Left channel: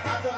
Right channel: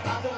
yeah.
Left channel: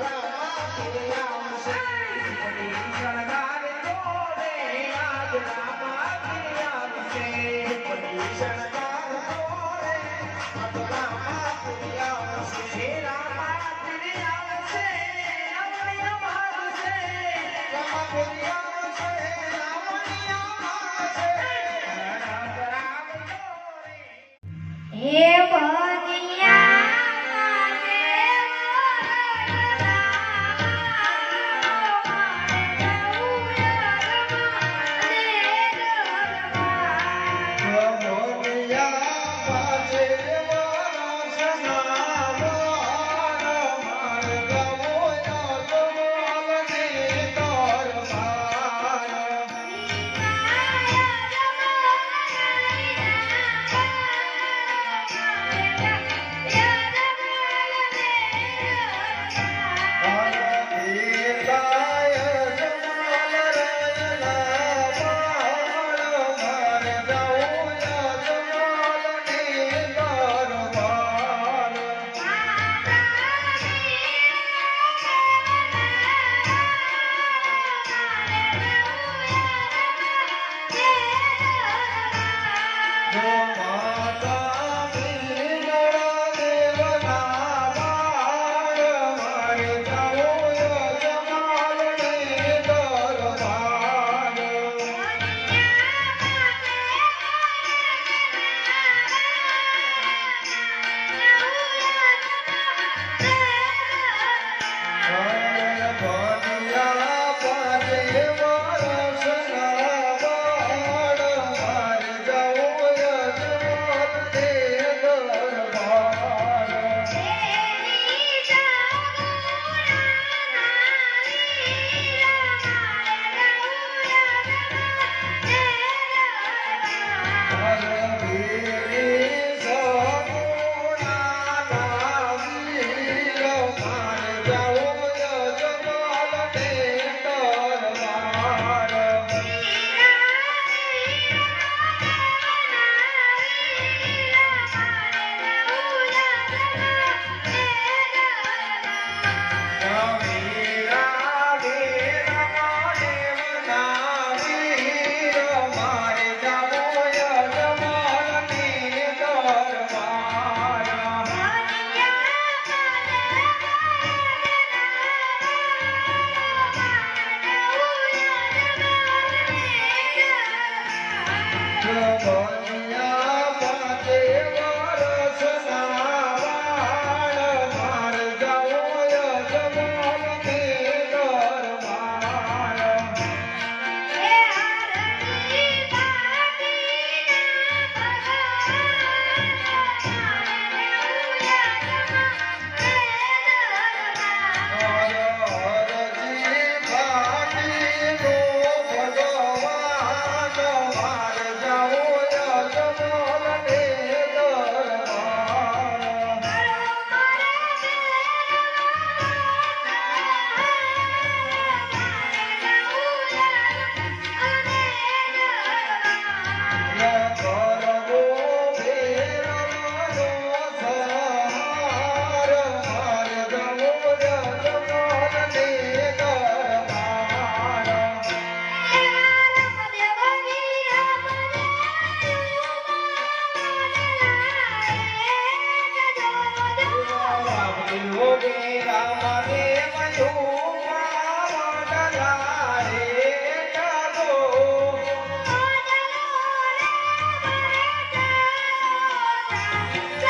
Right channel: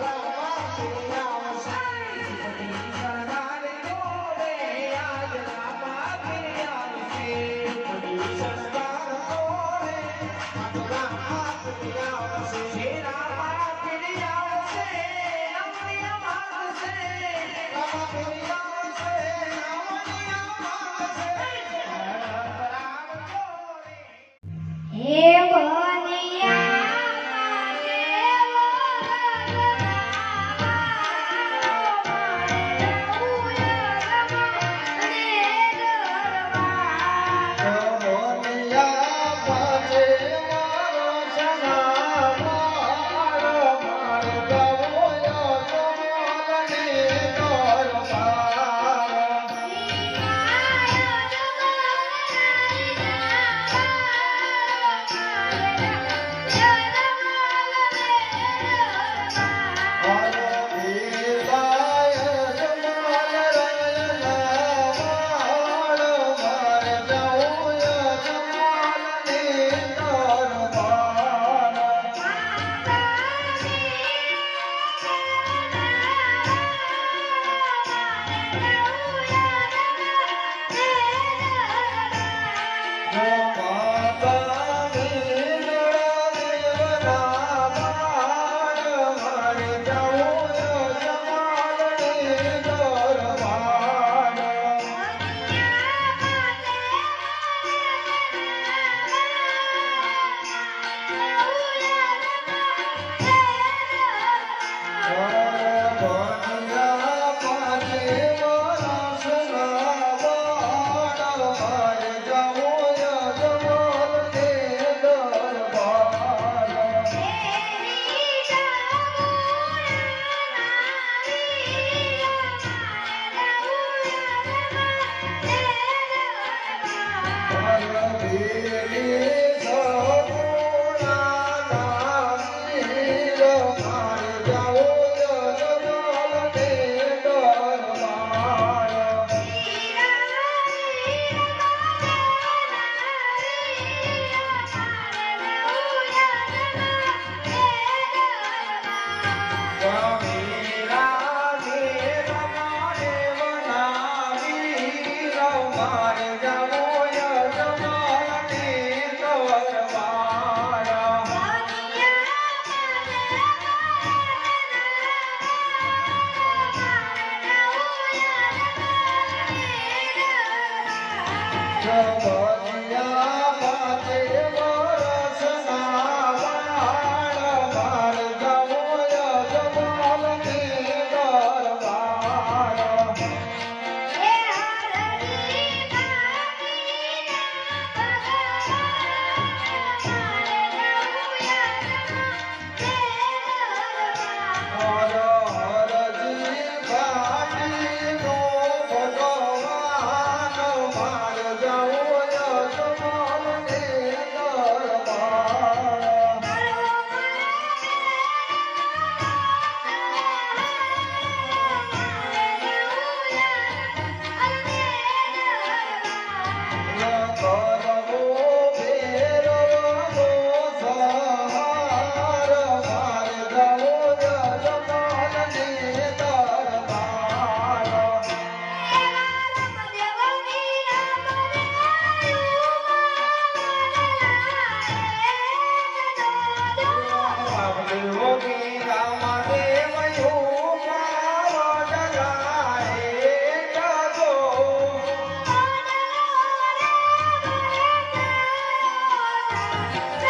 Yeah.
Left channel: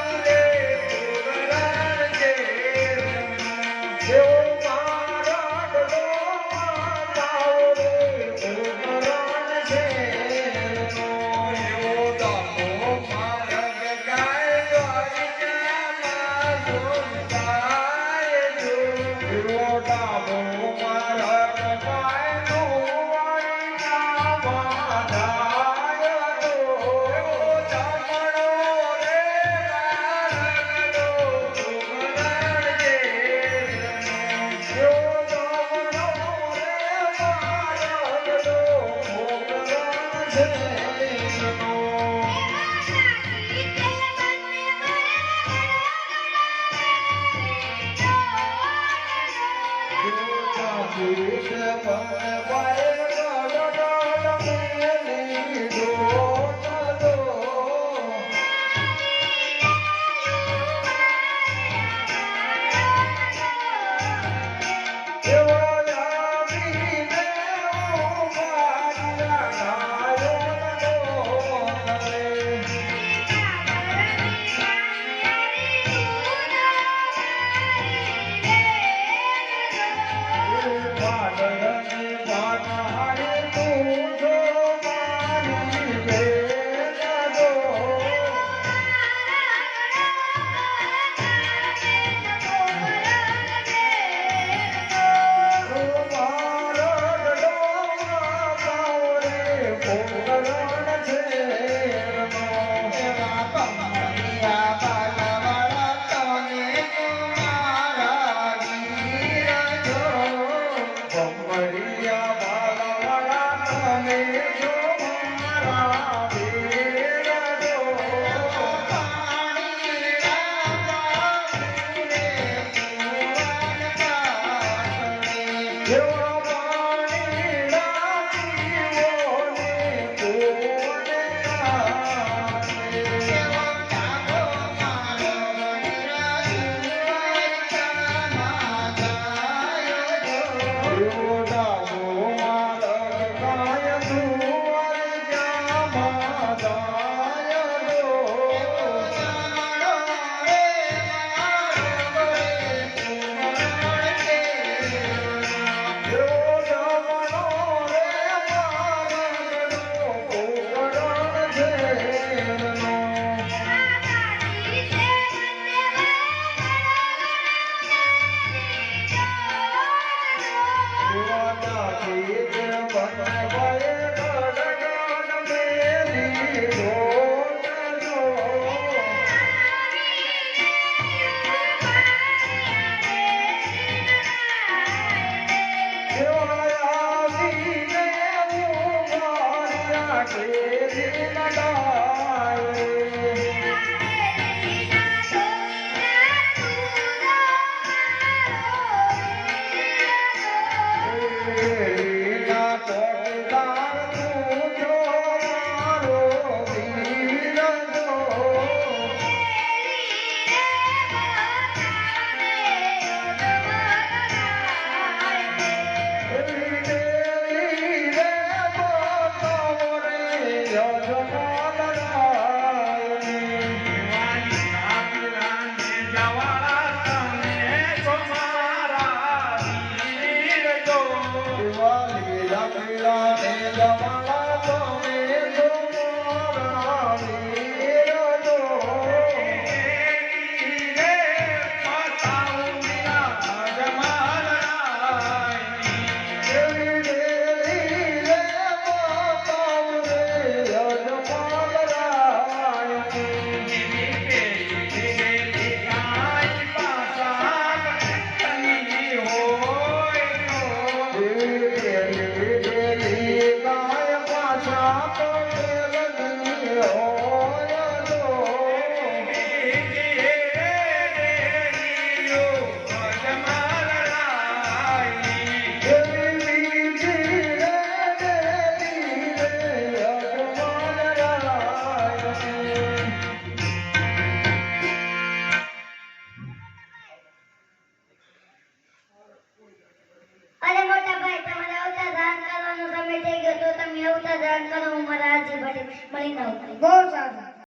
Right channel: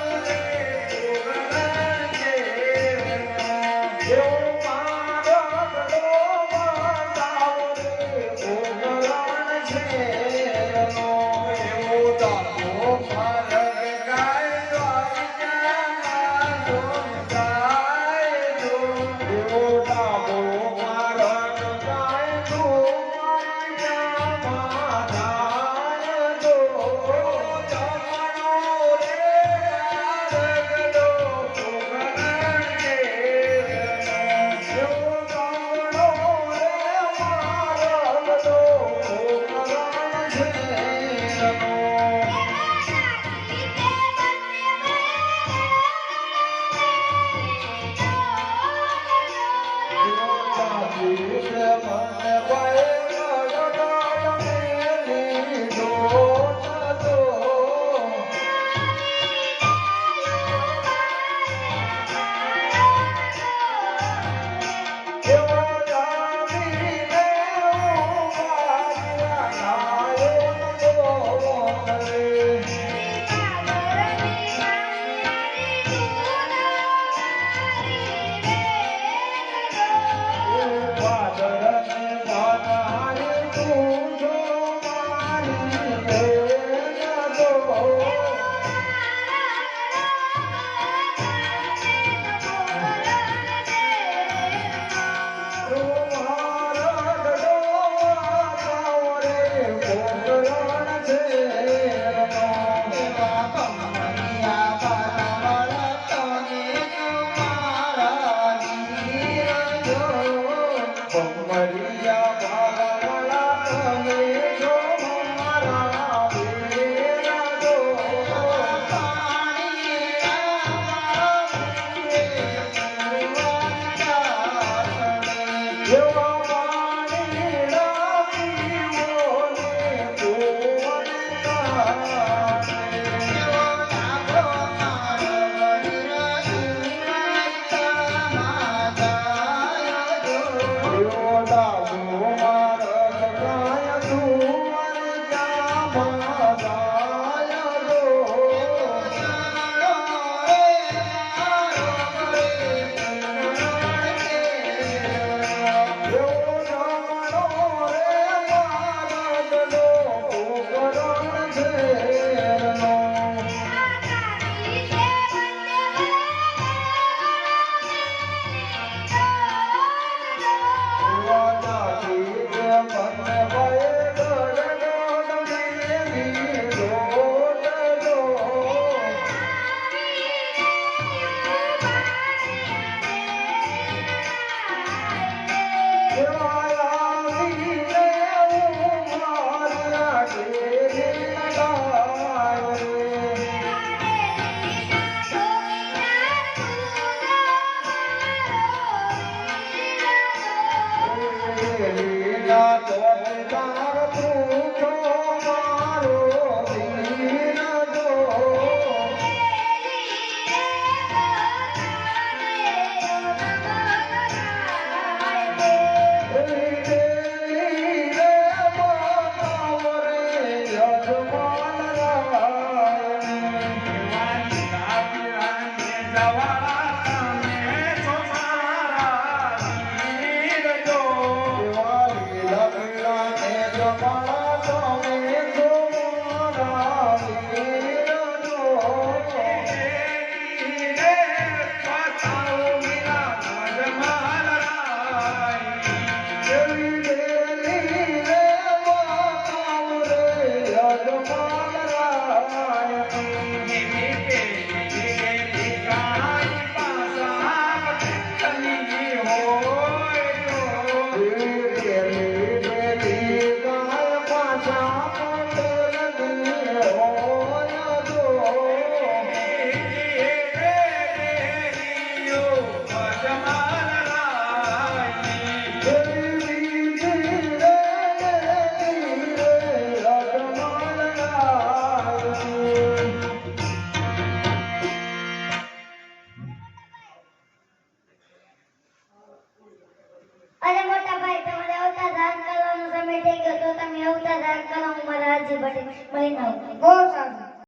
Thank you.